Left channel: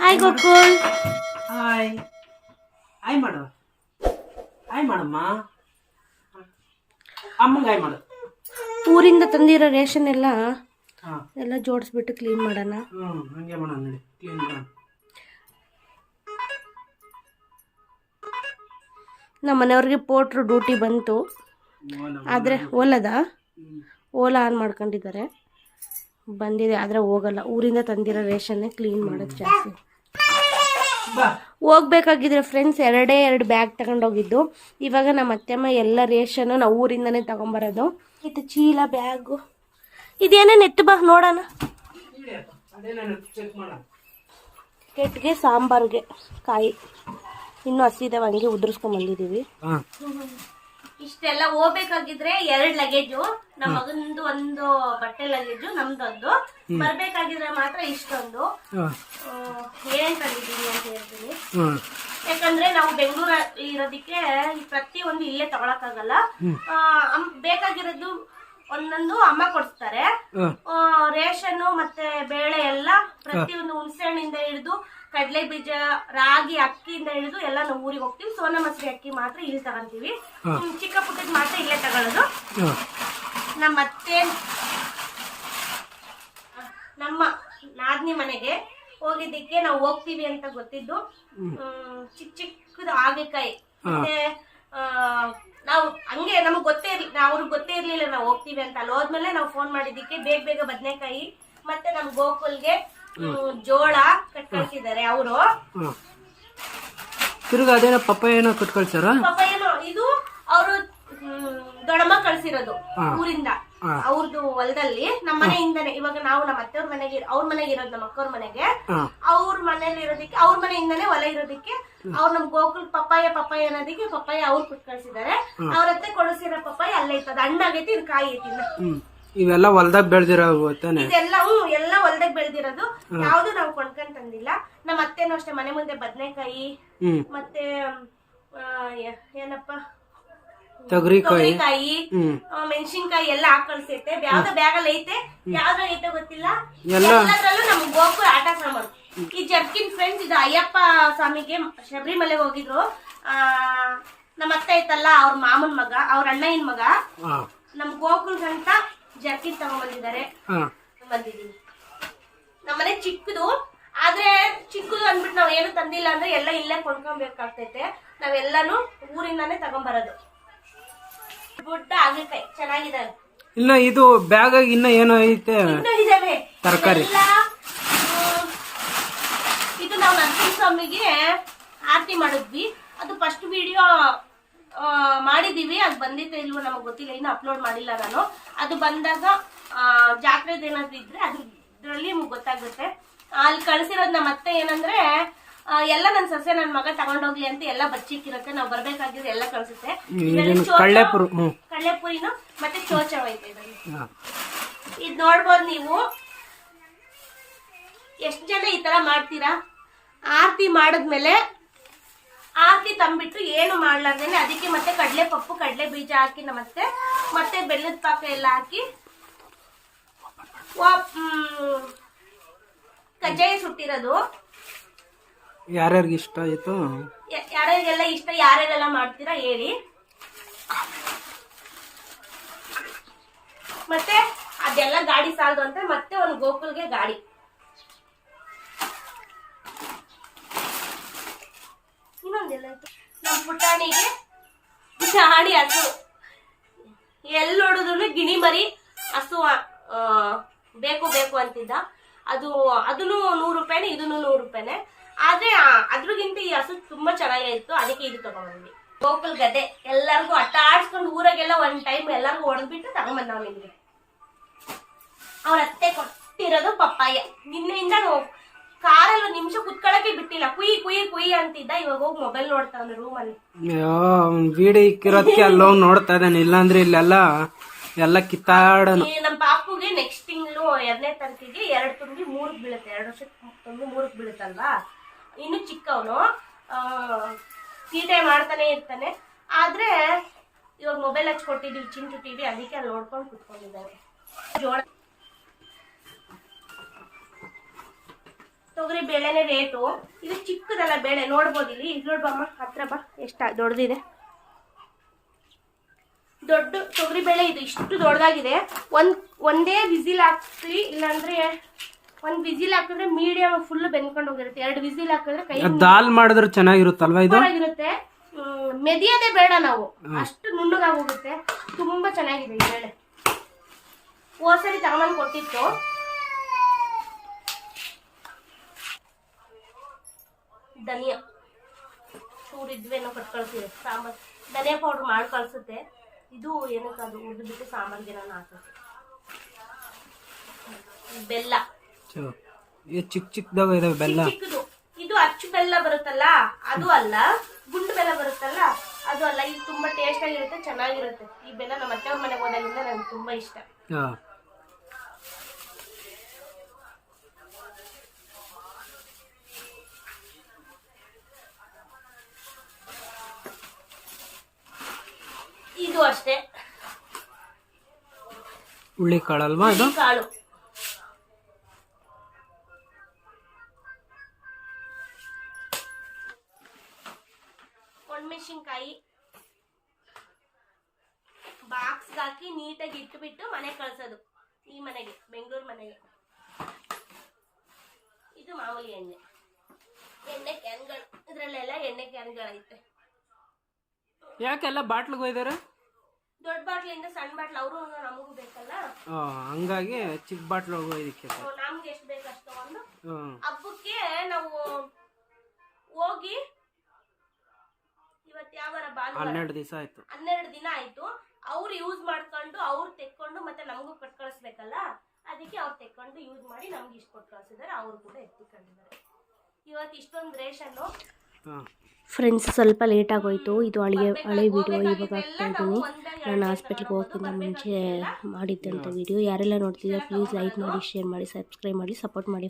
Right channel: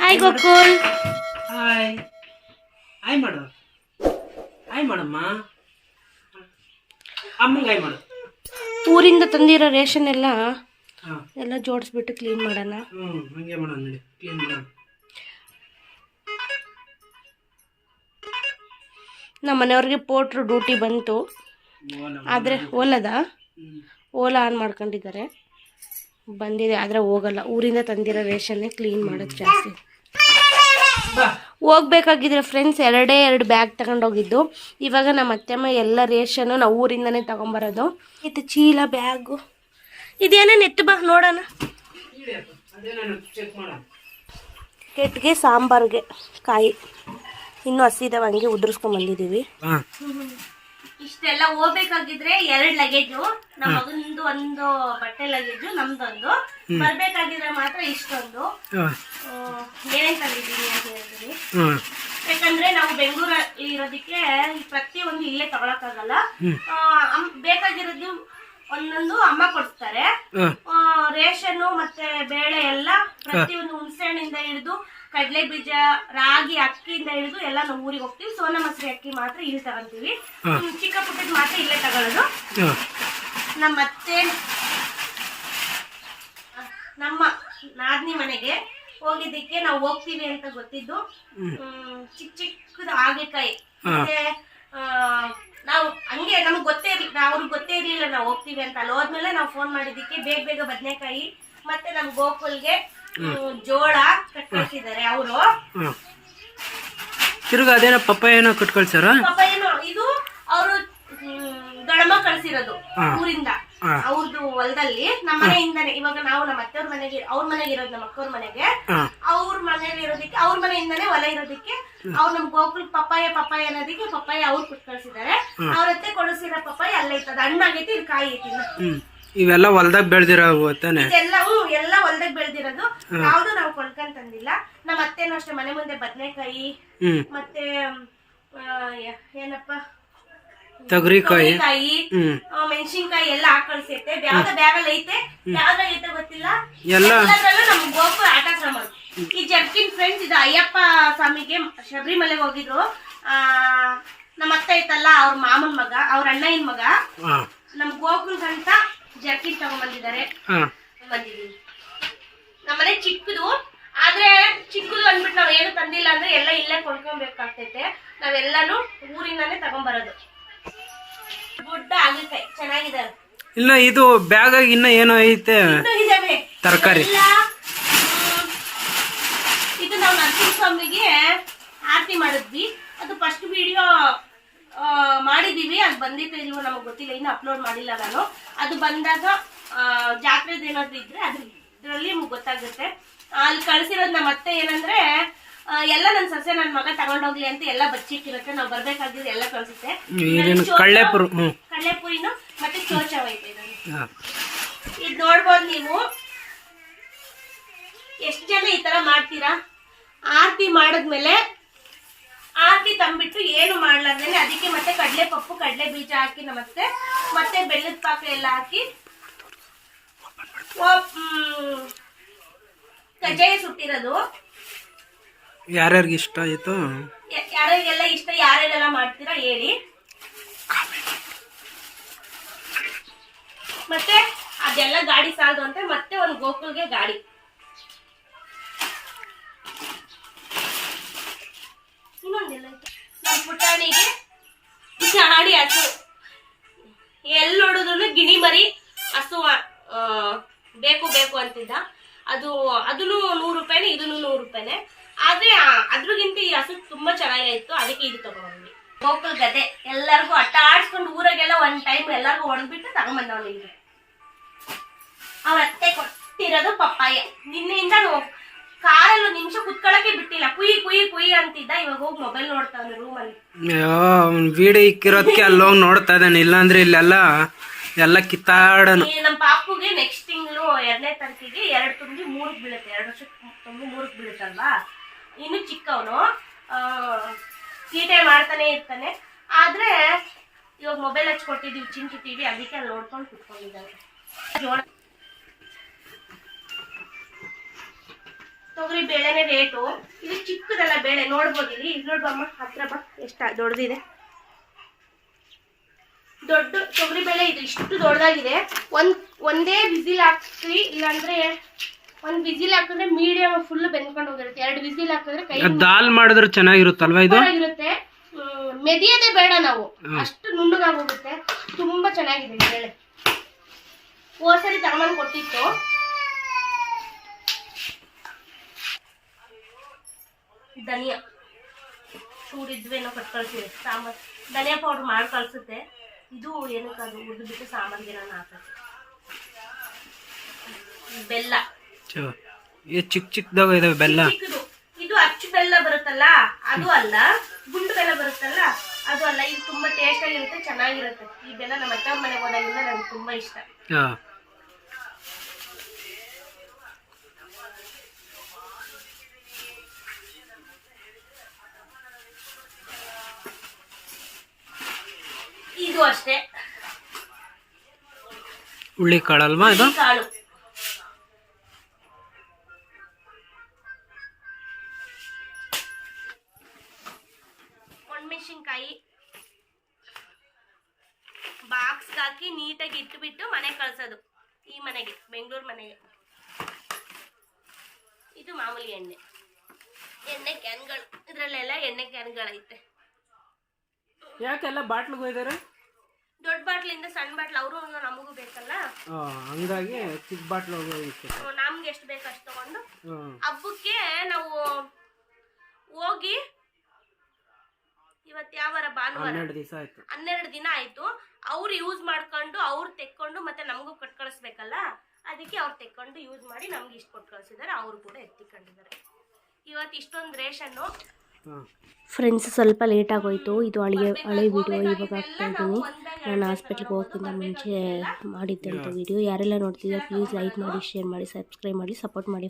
Hi Gokul. Hi hi ಮಾಡು. Hi ಮಾಡಮ್ಮ. ಅಮ್ಮಂಗೆ ಹಾಯ್ ಮಾಡು. ಊರಿಂದ ತಂದಿರೋ ರೇಷನ್ ಎಲ್ಲ ಜೋಡಿಸ್ಬಿಟ್ಟು ಕ್ಲೀನ್ ಮಾಡೋಣ. ಹಂಗೆ ಮಾಡೋಣ ನೋಡಿ, ಕ್ಲೀನ್ ಮಾಡೋಣ. ನಮ್ಮ ಮನೆಯವ್ರಿಗೆ ಪೋಟ್ರು ಡ್ಯೂಟಿ ಬಂತು, ಆದರೆ ಓಲಾ ಆನ್ ಮಾಡ್ಕೊಂಡಿದ್ದಾರೆ. ಬಂದಿದೆ ಆದರೆ ಹೋಗಲ್ಲ. ಊರಿಂದ ತಂದಿರೋ ರೇಷನ್ನೇ ಕ್ಲೀನ್ ಮಾಡೋದು ಜಾಸ್ತಿ. ಹೋಗ್ಬೇಕಾಗಿದ್ರೆ ಫ್ರೆಂಡ್ಸ್ 2 ಬ್ಯಾಗ್ ತಗೊಂಡೋಗಿದ್ದು. ಇವಾಗ ನಮ್ಮ ಅತ್ತೆಮ್ಮ ಎಲ್ಲ ರೇಷನ್ನು ನಾವು ಊರಿಂದನೇ ತಗೊಂಬರೋದು. ಇದು ಚೀಲ, ಬ್ಯಾಗು, ಇದೇನೇನು ಎತ್ತು ಬಾ ನೋಡೋಣ. ಕೆಟ್ಟಿಗೆ ಸಾಂಬಾರಿಗೆ ಕಾಯಿ ಇನ್ನೂ ಹಸಿದವ, ಹಂಗೆ ಉದುರಿಸ್ಕೊಂಡ್ಬಂದಿದ್ದೀವಿ. ಇಷ್ಟೆಲ್ಲ ಹೋಗ್ಬೇಕಾಗಿದ್ರೆ 2 ಲಗೇಜು, ನಮ್ಮ ಮಗಂದು 1 ಬಟ್ಟೆ ಲಗೇಜು, ನಮ್ದೊಂದು. ಬರ್ಬೇಕಾಗಿದ್ರೆ ಮಾತ್ರ ಇಷ್ಟೊಂದು. ಏನೇನ್ ತಂದಿದ್ದೀನಿ ಅಂತ ಹೇಳ್ತೀನಿ. ಯಾಕಂದ್ರೆ ನಾವು ಬೆಂಗಳೂರು ಇರೋದಕ್ಕೆ ಪ್ರತಿಯೊಂದು ಇಲ್ಲೇ ತಗೊಳಕ್ಕಾಗಲ್ಲ. ಬೇಕಾಗಿರೋದು ಒಂದೊಂದು ಅಮ್ಮ ಕೊಡ್ತಾರೆ. ರೇಷನ್ ಮತ್ತೆ ಬೇಳೆ ಎಲ್ಲ ಪ್ರತಿಯೊಂದು ಹುಣಸೆಹಣ್ಣಿಂದ ಹಿಡಿದು ಕಡಲೆ ಬೀಜ, ರಾಗಿ, ಅಕ್ಕಿಯಿಂದ ಹಿಡಿದು ಎಲ್ಲ ನಾವು ಊರಿಗೆ ಹೋಗ್ತೀವಿ. ಸೋನಾ ಮಸೂರಿ ಅಕ್ಕಿ ಮಾತ್ರ ಇಲ್ಲಿ ತಗೊಂತೀವಿ. ಚಿಕ್ಕ ಪುಟ್ಟದ್ ಮಾತ್ರ ಇಲ್ಲೇ ತಗೊಳ್ಳೋದು. ನಮ್ಮ ನಾದ್ನಿ ಮನೆಗೆ ಹೋಗಿದ್ದಕ್ಕೆ ನಾವು ಹೋಗ್ತೀವಿ ಅಂತ ಗೊತ್ತಿದ್ದು. ಚಿಕ್ಕದು ಹಾಗಲಕಾಯಿ ಮತ್ತೆ ನಾವು ಹಂಗೆ ನಮ್ಗೆ ಅವ್ರಿಗೆ ಗೊತ್ತೇ ಇರ್ಲಿಲ್ಲ ನಾವು ಹೋಗ್ತೀವಿ ಅಂತ. ಅಲ್ಲಿ ಹೋದ್ಮೇಲೆ ನಾವು ಫೋನ್ ಮಾಡಿದ್ದಕ್ಕೆ ಬೇಗ ಬದನೆಕಾಯಿ ಮತ್ತೆ ನಮ್ ಗೋಕುಲ್ಗೆ ಜೋಳ ಕಟ್ಕಳ್ಸಿದ್ದಾರೆ ಅವರು. ತಿರ್ಗಾ ಅದೇನೋ ಪಪ್ಪಾಯನೋ ಕಟ್ಕಳ್ಸಾರ. ಪಪ್ಪಾಯನೋ ಇದು ಅವರು ದಡಮ ಕಳ್ಸಿರೋದು ಊರಿಂದ, ಅವ್ರದ್ದು ಹೊಲದಲ್ಲಿ. ನಮ್ಮ ಮನೆಯಿಂದಾನೆ ಇವಾಗ ನಾವು ನಮ್ಮ ಅತ್ತೆಯವ್ರ ಮನೆಗೆ, ಅವ್ರ ಮನೆಗೆ ಇರೋದು ನಮ್ಮ ಅಕ್ಕವ್ರ ಮನೆಗೆ, ಅವ್ರ ಮನೇಲಿ ಇರೋದಕ್ಕೆ, ಅವ್ರ ಮನೆಯಿಂದಾನೆ ಹೊಲ ಇರೋದಕ್ಕೆ ಅವ್ರು ನಮ್ ಗೋಕುಲ್ ಪಪ್ಪಾಯ ಅನ್ನೋದಕ್ಕೆ ಪಪ್ಪಾಯ ಅವ್ರು ಕೊಟ್ಟು ಕಳ್ಸಿದ್ದಾರೆ. ಅವ್ರತ್ತೆ ಕೊಡಿಸಿರೋ ಪಪ್ಪಾಯ ಅಲ್ಲೈತದ, ಹಣ್ಣಾಗೈತಿ, ಇದು ಕಾಯಿ ಐತಿ. ಇವೆಲ್ಲ ಹೊಲ್ದಾಗ ಬೆಳ್ದಿರೋ ಇದೆಲ್ಲ ಎಲ್ಲ ಹೊಲ್ದಾಗ ಬೆಳ್ದಿರೋದು. ಯಾವ್ದು ನಾವು ಕೊಂಡ್ಕೊಂಡ್ ತಂದಿಲ್ಲ. ನಮ್ಮ ಅತ್ತೆನೂ ಅಷ್ಟೇ ಮನೆ ಮುಂದೆ ಬದನೆಕಾಯಿ ಮತ್ತೆ ಏನಪ್ಪ ತೊಗರಿಕಾಯಿ, ಮೆಣಸಿನ್ಕಾಯಿ ಎಲ್ಲ ಹಾಕಳ್ಸೈತೆ. ಯಾವ್ದ ಬ್ಯಾಗಲ್ಲಿ ಐತೆ, ಯಾವ್ದ್ರಾಗ ಐತೆ ಗೊತ್ತಿಲ್ಲ. ಎಲ್ಲದ್ರಲ್ಲೂ ನಮ್ ಗೋಪುರ ಆಟ ಸಾಮಾನು. ಈ ಜರ್ಕಿನ್ ಫ್ರೆಂಡ್ಸ್, ಇದು ಅಯ್ಯಪ್ಪ ಸ್ವಾಮಿಗೆ ಶಬರಿಮಲೆಗೆ ಹೋಗಿದ್ರು. ನಮ್ಮ ಅತ್ತೆ ಐತಲ್ಲ, ಅವ್ರ ಮಾಮನ್ ಮಗ, ಅವ್ರ ಅಣ್ಣಯ್ಯನ ಮಗ, ನಮ್ ಗೋಕುಲ್ ಅಂತ ಜರ್ಕಿನ್ ತಗೊಂಡ್ಬಂದಿದ್ದಾರೆ. ಬಂದಿದೀನಿ. ನಮ್ಮನೆ ಚಿಕ್ಕದು, ಆದ್ರೆ ಚಿಕ್ಕದು ಅಂದ್ಬಿಟ್ಟು ನಾವ್ ಏನು ತಂದಿಲ್ಲ ಅಂದ್ರೆ ಎಲ್ಲ ಇಲ್ಲೇ ಕೊಂಡ್ಕೊಬೇಕಾಗ್ತೈತೆ. ನಾವೆಲ್ಲಾನು ಊರಿಂದಾನೇ ತಗೊಂಡ್ಬರೋದು. ಗುಡ್ಡ ಆಗಲಕಾಯಿ ಚೆನ್ನಾಗಿದಾವೆ. ಇಲ್ಲ ಇದು ಬ್ಯಾಗ್ ಇನ್ನ ಏನೋ ಐತೆ, ತರಕಾರಿ. ಇದು ನಾವು ನರಸಿಂಹಸ್ವಾಮಿಗೆ ಆರತಿ ಮಾಡಿದ್ವಿ. ಅದು ಫಸ್ಟ್ ವಿಡಿಯೋ ಮಾಡಿದೀವಿ. ಅದು ಬಂದಿತ್ತು ಇಲ್ವೋ ನಮಗ್ ಗೊತ್ತಿಲ್ಲ, ಇನ್ನು ಅಪ್ಲೋಡ್ ಮಾಡಿಲ್ಲ ನಾನು. ಅದು ಬಂದಾಗ ಜಾತ್ರೆದ ಏನಾದ್ರು ಇದ್ರೆ ಅದ್ರಲ್ಲಿ ನಿಮ್ಗೆ ಗೊತ್ತಾಗುತ್ತೆ. ಅಲ್ಲಿ ಕಳ್ಸಿರೋದು ನಮ್ಮ ಅತ್ತೆ ಏನಂದ್ರೆ ಎಲ್ಲ ನನ್ ಸೊಸೆ ನನ್ ಮಗ ತಗೊಂಡೋಗ್ಲಿ ಅಂತ ಎಲ್ಲ ಬಚ್ಚಿಟ್ಟಿರುತ್ತೆ. ನಾವ್ ಬರ್ಬೇಕಾಗಿದ್ರೆ ಎಲ್ಲ ಕಳ್ಸುತ್ತೆ. ಕಳ್ಳೆಪುರಿನು ಮತ್ತೆ ಚೋಚವ ಐತೆ. ಇದ್ ನೋಡ್ಬೋದು ನೀವು. ಎಷ್ಟ್ ಜನ ಈ ತರ ಮಾಡ್ತೀರಾ? ಆರತಿ ಮಾಡದ್ಮೇಲೆ ಆರತಿ ತಂಬಿಟ್ಟು ಏನು ಮಾಡ್ಲಾರ್ದೇನೆ ಅದಕ್ಕೆ ಮತ್ತೆ ಕಡಲೆ ಪಪ್ಪು, ಕಡಲೆ ಬೀಜ ಹಾಕಿ ಮತ್ತೆ ಬೆಲ್ಲದ ಪಾಕ ಎಲ್ಲ ಹಾಕಿ ಕಜ್ಜಾಯ ಸುಟ್ಟಿರೋದು. ಯಾರ್ಯಾರಿಗೆ ಇಷ್ಟ ಆಯ್ತು, ಯಾರ್ಯಾರಿಗೆಲ್ಲ ಇಷ್ಟ, ಯಾರ್ಯಾರೆಲ್ಲ ಮಾಡ್ತೀರಾ ಹೇಳಿ. ಮತ್ತೆ ಅದೆಲ್ಲ ಗಾಡಿ ಸಾಲದು ಅಂತ ಮತ್ತೆ ಒಂದು ಗೋಕುಲ್ಗೆ ಗಾಡಿ. ಇನ್ನೊಂದೆಲ್ಲ ನಮ್ಮ ಪುಟಾಣಿಗೆ ಗಾಡಿ ಹಸು. ಎಲ್ಲಿ ನೋಡಿದ್ರು ಗಿಣಿ ಮರಿ ಹಸು ಬೇಕು ಅಂತಿದ್ದ. ಅದನ್ನು 100 ರೂಪಾಯಿನೇ, ಇದನ್ನು 100 ರೂಪಾಯಿನೇ. ಆದ್ರೆ ಅದ್ರಗಿಂತ ಈ ಹಸು ತುಂಬಾ ಚೆನ್ನಾಗಿತ್ತು, ಅದಕ್ಕೆ ಇದು ತಗೊಂಡ್ಬಂದ್ವಿ. ಗೋಕುಲ್ ಗದೆ ಎಲ್ಲರಿಗೂ ಅಟ್ಟ ಆಡ್ಸ್ಕೊಂಡು ಊರಾಗೆಲ್ಲ ಒಂದ್ ಟೈಮ್ ಎಲ್ಲರಿಗೂ ಹೊಡೆದ್ಬಿಟ್ಟು ತಗೊಂಡ್ಬಂದ. ನಿಮ್ಗೆ ಅವ್ರ ಅತ್ತೆ ಕೊಟ್ಟಿರೋದು ಪಪ್ಪಾಯ. ನಿನ್ನೆಯಿಂದ ಕಾರಲ್ಲಿ 1 ನಿಮಿಷ ಕುತ್ಕೊಳಕ್ಕೆ ಬಿಟ್ಟಿಲ್ಲ. ಕುಯಿ ಅಂತಿದ್ದ. ಇವಾಗ ಹೋಗಿ ಮೊಬೈಲ್ ನೋಡ್ತಾವ್ನೆ ರೂಮಲ್ಲಿ. ವಿಡಿಯೋ ಇಕ್ಕಿರೋದಕ್ಕೆ ಅಲ್ಲೋಗಿ ನೋಡ್ತಾ ಇದ್ದಾನೆ. ಇಲ್ಲಾಂದ್ರೆ ಇಲ್ಲೆಲ್ಲ ಎಲ್ಲ ಕಿತ್ತಾಡನು. ನಮ್ಮ ಪಾಪುಗೆ ನೆಕ್ಸ್ಟ್ ತಿಂಗಳು 2ನೇ ತಾರೀಕಿಗೆ 2 ತುಂಬಿ 3ಕ್ಕೆ ಬೀಳುತ್ತೆ. 2 ವರ್ಷಕ್ಕೆ ತುಂಬಿ 3ಕ್ಕೆ ಬೀಳುತ್ತಲ್ವಾ. ಇನ್ನು ಚಿಕ್ಕವನು ತೀಟೆ ಮಾಡ್ತಾನೆ ಇರ್ತಾನೆ. ಆದ್ರೆ ಇವಾಗ ಮೊಬೈಲ್ ಹಚ್ಕೊಟ್ಟಿದೀವಿ, ಚಿಂಟು ಟಿವಿ, ಅದಕ್ಕೆ ಅಲ್ಲಿ ನೋಡ್ಕೊಂಡು ಕುತ್ಕೊಂಡಿದ್ದಾನೆ. ಜೋಳ ತೊಗರಿ ಬೇಳೆನೇ ರೇಟು. ಇದು ಚಿಕ್ಕದಲ್ಲ ಬೇಳೆ, ನೋಡ್ಬೋದು ಇಲ್ಲಿ. ಇದು ನೋಡ್ಬಮ್ಮ, ಹತ್ರ ಬಾ, ಎಷ್ಟು ದೊಡ್ಡದಿದೆ. ದೊಡ್ಡ ತೊಗರಿ ಬೇಳೆ ಇದು, ಇಷ್ಟು ದೊಡ್ಡದಾಗಿದೆ. ಒಂದೇ ವಿಸಿಲ್ ಹಾಕ್ತೀವಿ, ಇಲ್ಲಾಂದ್ರೆ ಒಂದು ವಿಸಿಲ್ ಹಾಕಿದ್ರೆ ಮೀಡಿಯಮ್ ಫುಲ್ ಬೆಂದ್ಕೊಂಡು ಹೋಗಿರುತ್ತೆ. 2 ವಿಸಿಲ್ ಹಾಕಿದ್ರೆ ಕೈ ದಾಲ್ ಮಾಡಿದ್ರೆ ಚೆನ್ನಾಗಿರುತ್ತಲ್ವಾ ಇದು? ಇರುತ್ತೆ. ಮೆದಿಯದೇ ಬೇಡ ನಾವು, ಅಷ್ಟು ನುಣ್ಣಗಾಗಿ ಹೋಗುತ್ತೆ. ತುಂಬಾ ಚೆನ್ನಾಗಿದೆ ಈ ಬೇಳೆ. ಹೋದ್ಸರಿ ತಗೊಂಬಂದು ಕೊಟ್ಟಿತ್ತು. ಧನಿಯಾ ಚೂರಿದ್ವೇನೋ ಕಟ್ ಕಳ್ಸಿದೆ. ಸಾಂಬಾರ್ ಧನಿಯಾ ಪೌಡ್ರ್ ಮಾಡಿ ಕಳ್ಸುತ್ತೆ. ಇದು ಏನಕ್ಕೆ ಅದು ಉರ್ದು ಬಿಟ್ಟು ಸಾಂಬಾರ್ಗೆ ನಾನು ಹಾಕುತ್ತೆ. ಬೆಲ್ಲ ಚಿಕ್ಕ ಚಿಕ್ಕದಾಗ ಇದಾವೆ ಬೆಲ್ಲ. ಚಿಕ್ಕದು ಇದು ಅಚ್ಚು ಬೆಲ್ಲ ಬರುತ್ತಲ್ಲ ಅದು ಅಲ್ಲ, ಗುಂಡು ಬೆಲ್ಲ ಬರುತ್ತಲ್ಲ ಅದು ಅಲ್ಲ. ಇದು ತುಂಬಾ ಟೇಸ್ಟ್ ಆಗಿರುತ್ತೆ, ಚೆನ್ನಾಗಿರುತ್ತೆ. ಈ ಬೆಲ್ಲ ನಮ್ಮ ಅತ್ತೆ ಮನೆಗೆ ಹೋದಾಗಿಂದ ನನಗೆ ತುಂಬಾ ಇಷ್ಟ. ಇದು ಅಷ್ಟೇ ಹುಳ್ಳಿ ಕಾಳಲ್ವಾ ಇದು? ಕಾಳು. ಒಣಮೆಣಸಿನ್ಕಾಯಿ ಬಾಕ್ಸ್ಗೆ ಹಾಕಿ ನೀಟಾಗಿ ಇಟ್ಟುಬಿಟ್ಟು ಮನೆಗೆ ಕಳ್ಸೋದು. ಈ ಮನೆಗೆ, ಬೆಂಗಳೂರು ಮನೆಗೆ. ಇದು ಮಾಮೂಲಿ ಎಣ್ಣೆ ಕ್ಯಾನ್ಗಳು. ಇದರಲ್ಲೆಲ್ಲ ಎಣ್ಣೆ ಕ್ಯಾನ್ಗಳೈತೆ. ಯಾಕೆಲ್ಲ ಬಾಟ್ಲಿಗೆ ಹೋಯ್ದಾರೆ? ದೊಡ್ಡ ಬಾಟ್ಲಿಂದ ಸಣ್ಣ ಬಾಟ್ಲು ಅವರು ನಮಗೂ ಬೇಕಲ್ಲ, ಹಂಗಾಗಿ ಚಿಕ್ಕ ಬಾಟ್ಲು ನಮ್ಗೆ ಎಷ್ಟು ಬೇಕು ಅಷ್ಟು ತಗೊಂಡು ಹಬ್ಬಕ್ಕೆ ನಾವು ಹೋಗಿ. ಇವತ್ತು ಯಾವಾರ ಭಾನುವಾರ, 12 ದಿವಸ ಆಯ್ತು. 12 ದಿನ ಆಯ್ತು. ಅವ್ರು ಯೂಸ್ ಮಾಡ್ಕೊಂಡು ಅವ್ರು ತೆಕ್ಕೊಂಡು ಮತ್ತೆ ನಮಗೂ ಕೊಟ್ಟು ಕಳಿಸ್ಬೇಕಲ್ಲ, ಅದಕ್ಕೆ ಅವ್ರು ತೆಕ್ಕೊಂಡು ಯೂಸ್ ಮಾಡಿ ನಮ್ಗೆ ಇಷ್ಟು ಕೊಟ್ಟು ಕಳಿಸಿದ್ದಾರೆ. ಅವರು ಕೂಡ ಎತ್ತಿಕೊಂಡಿದ್ದಾರೆ. ಇವತ್ತು ಇಷ್ಟೊಂದು ರೇಷನ್ನು. ಫ್ರೆಂಡ್ಸ್, ಸ್ವಲ್ಪ ಲೇಟ್ ಆಗೋಯ್ತು. ಇದು ಹಳೆ ವಿಡಿಯೋ ಇವಾಗ ಹಾಕ್ತಾ ಇದ್ದೀನಿ. ನಾನು ಹಾಸ್ಪಿಟ್ಲಿಗೆ ಹೋಗೋಕ್ಕಿಂತ ಮುಂಚೆ ಮಾಡಿದ್ದಂಥ ವಿಡಿಯೋ. ಯಾರೆಲ್ಲ ನೋಡ್ತಿದ್ದೀರಾ ಪ್ಲೀಸ್ ಲೈಕ್ ಮಾಡಿ, ಶೇರ್ ಮಾಡಿ, ಸಬ್ಸ್ಕ್ರೈಬ್ ಮಾಡಿ, ಸಪೋರ್ಟ್ ಮಾಡಿ.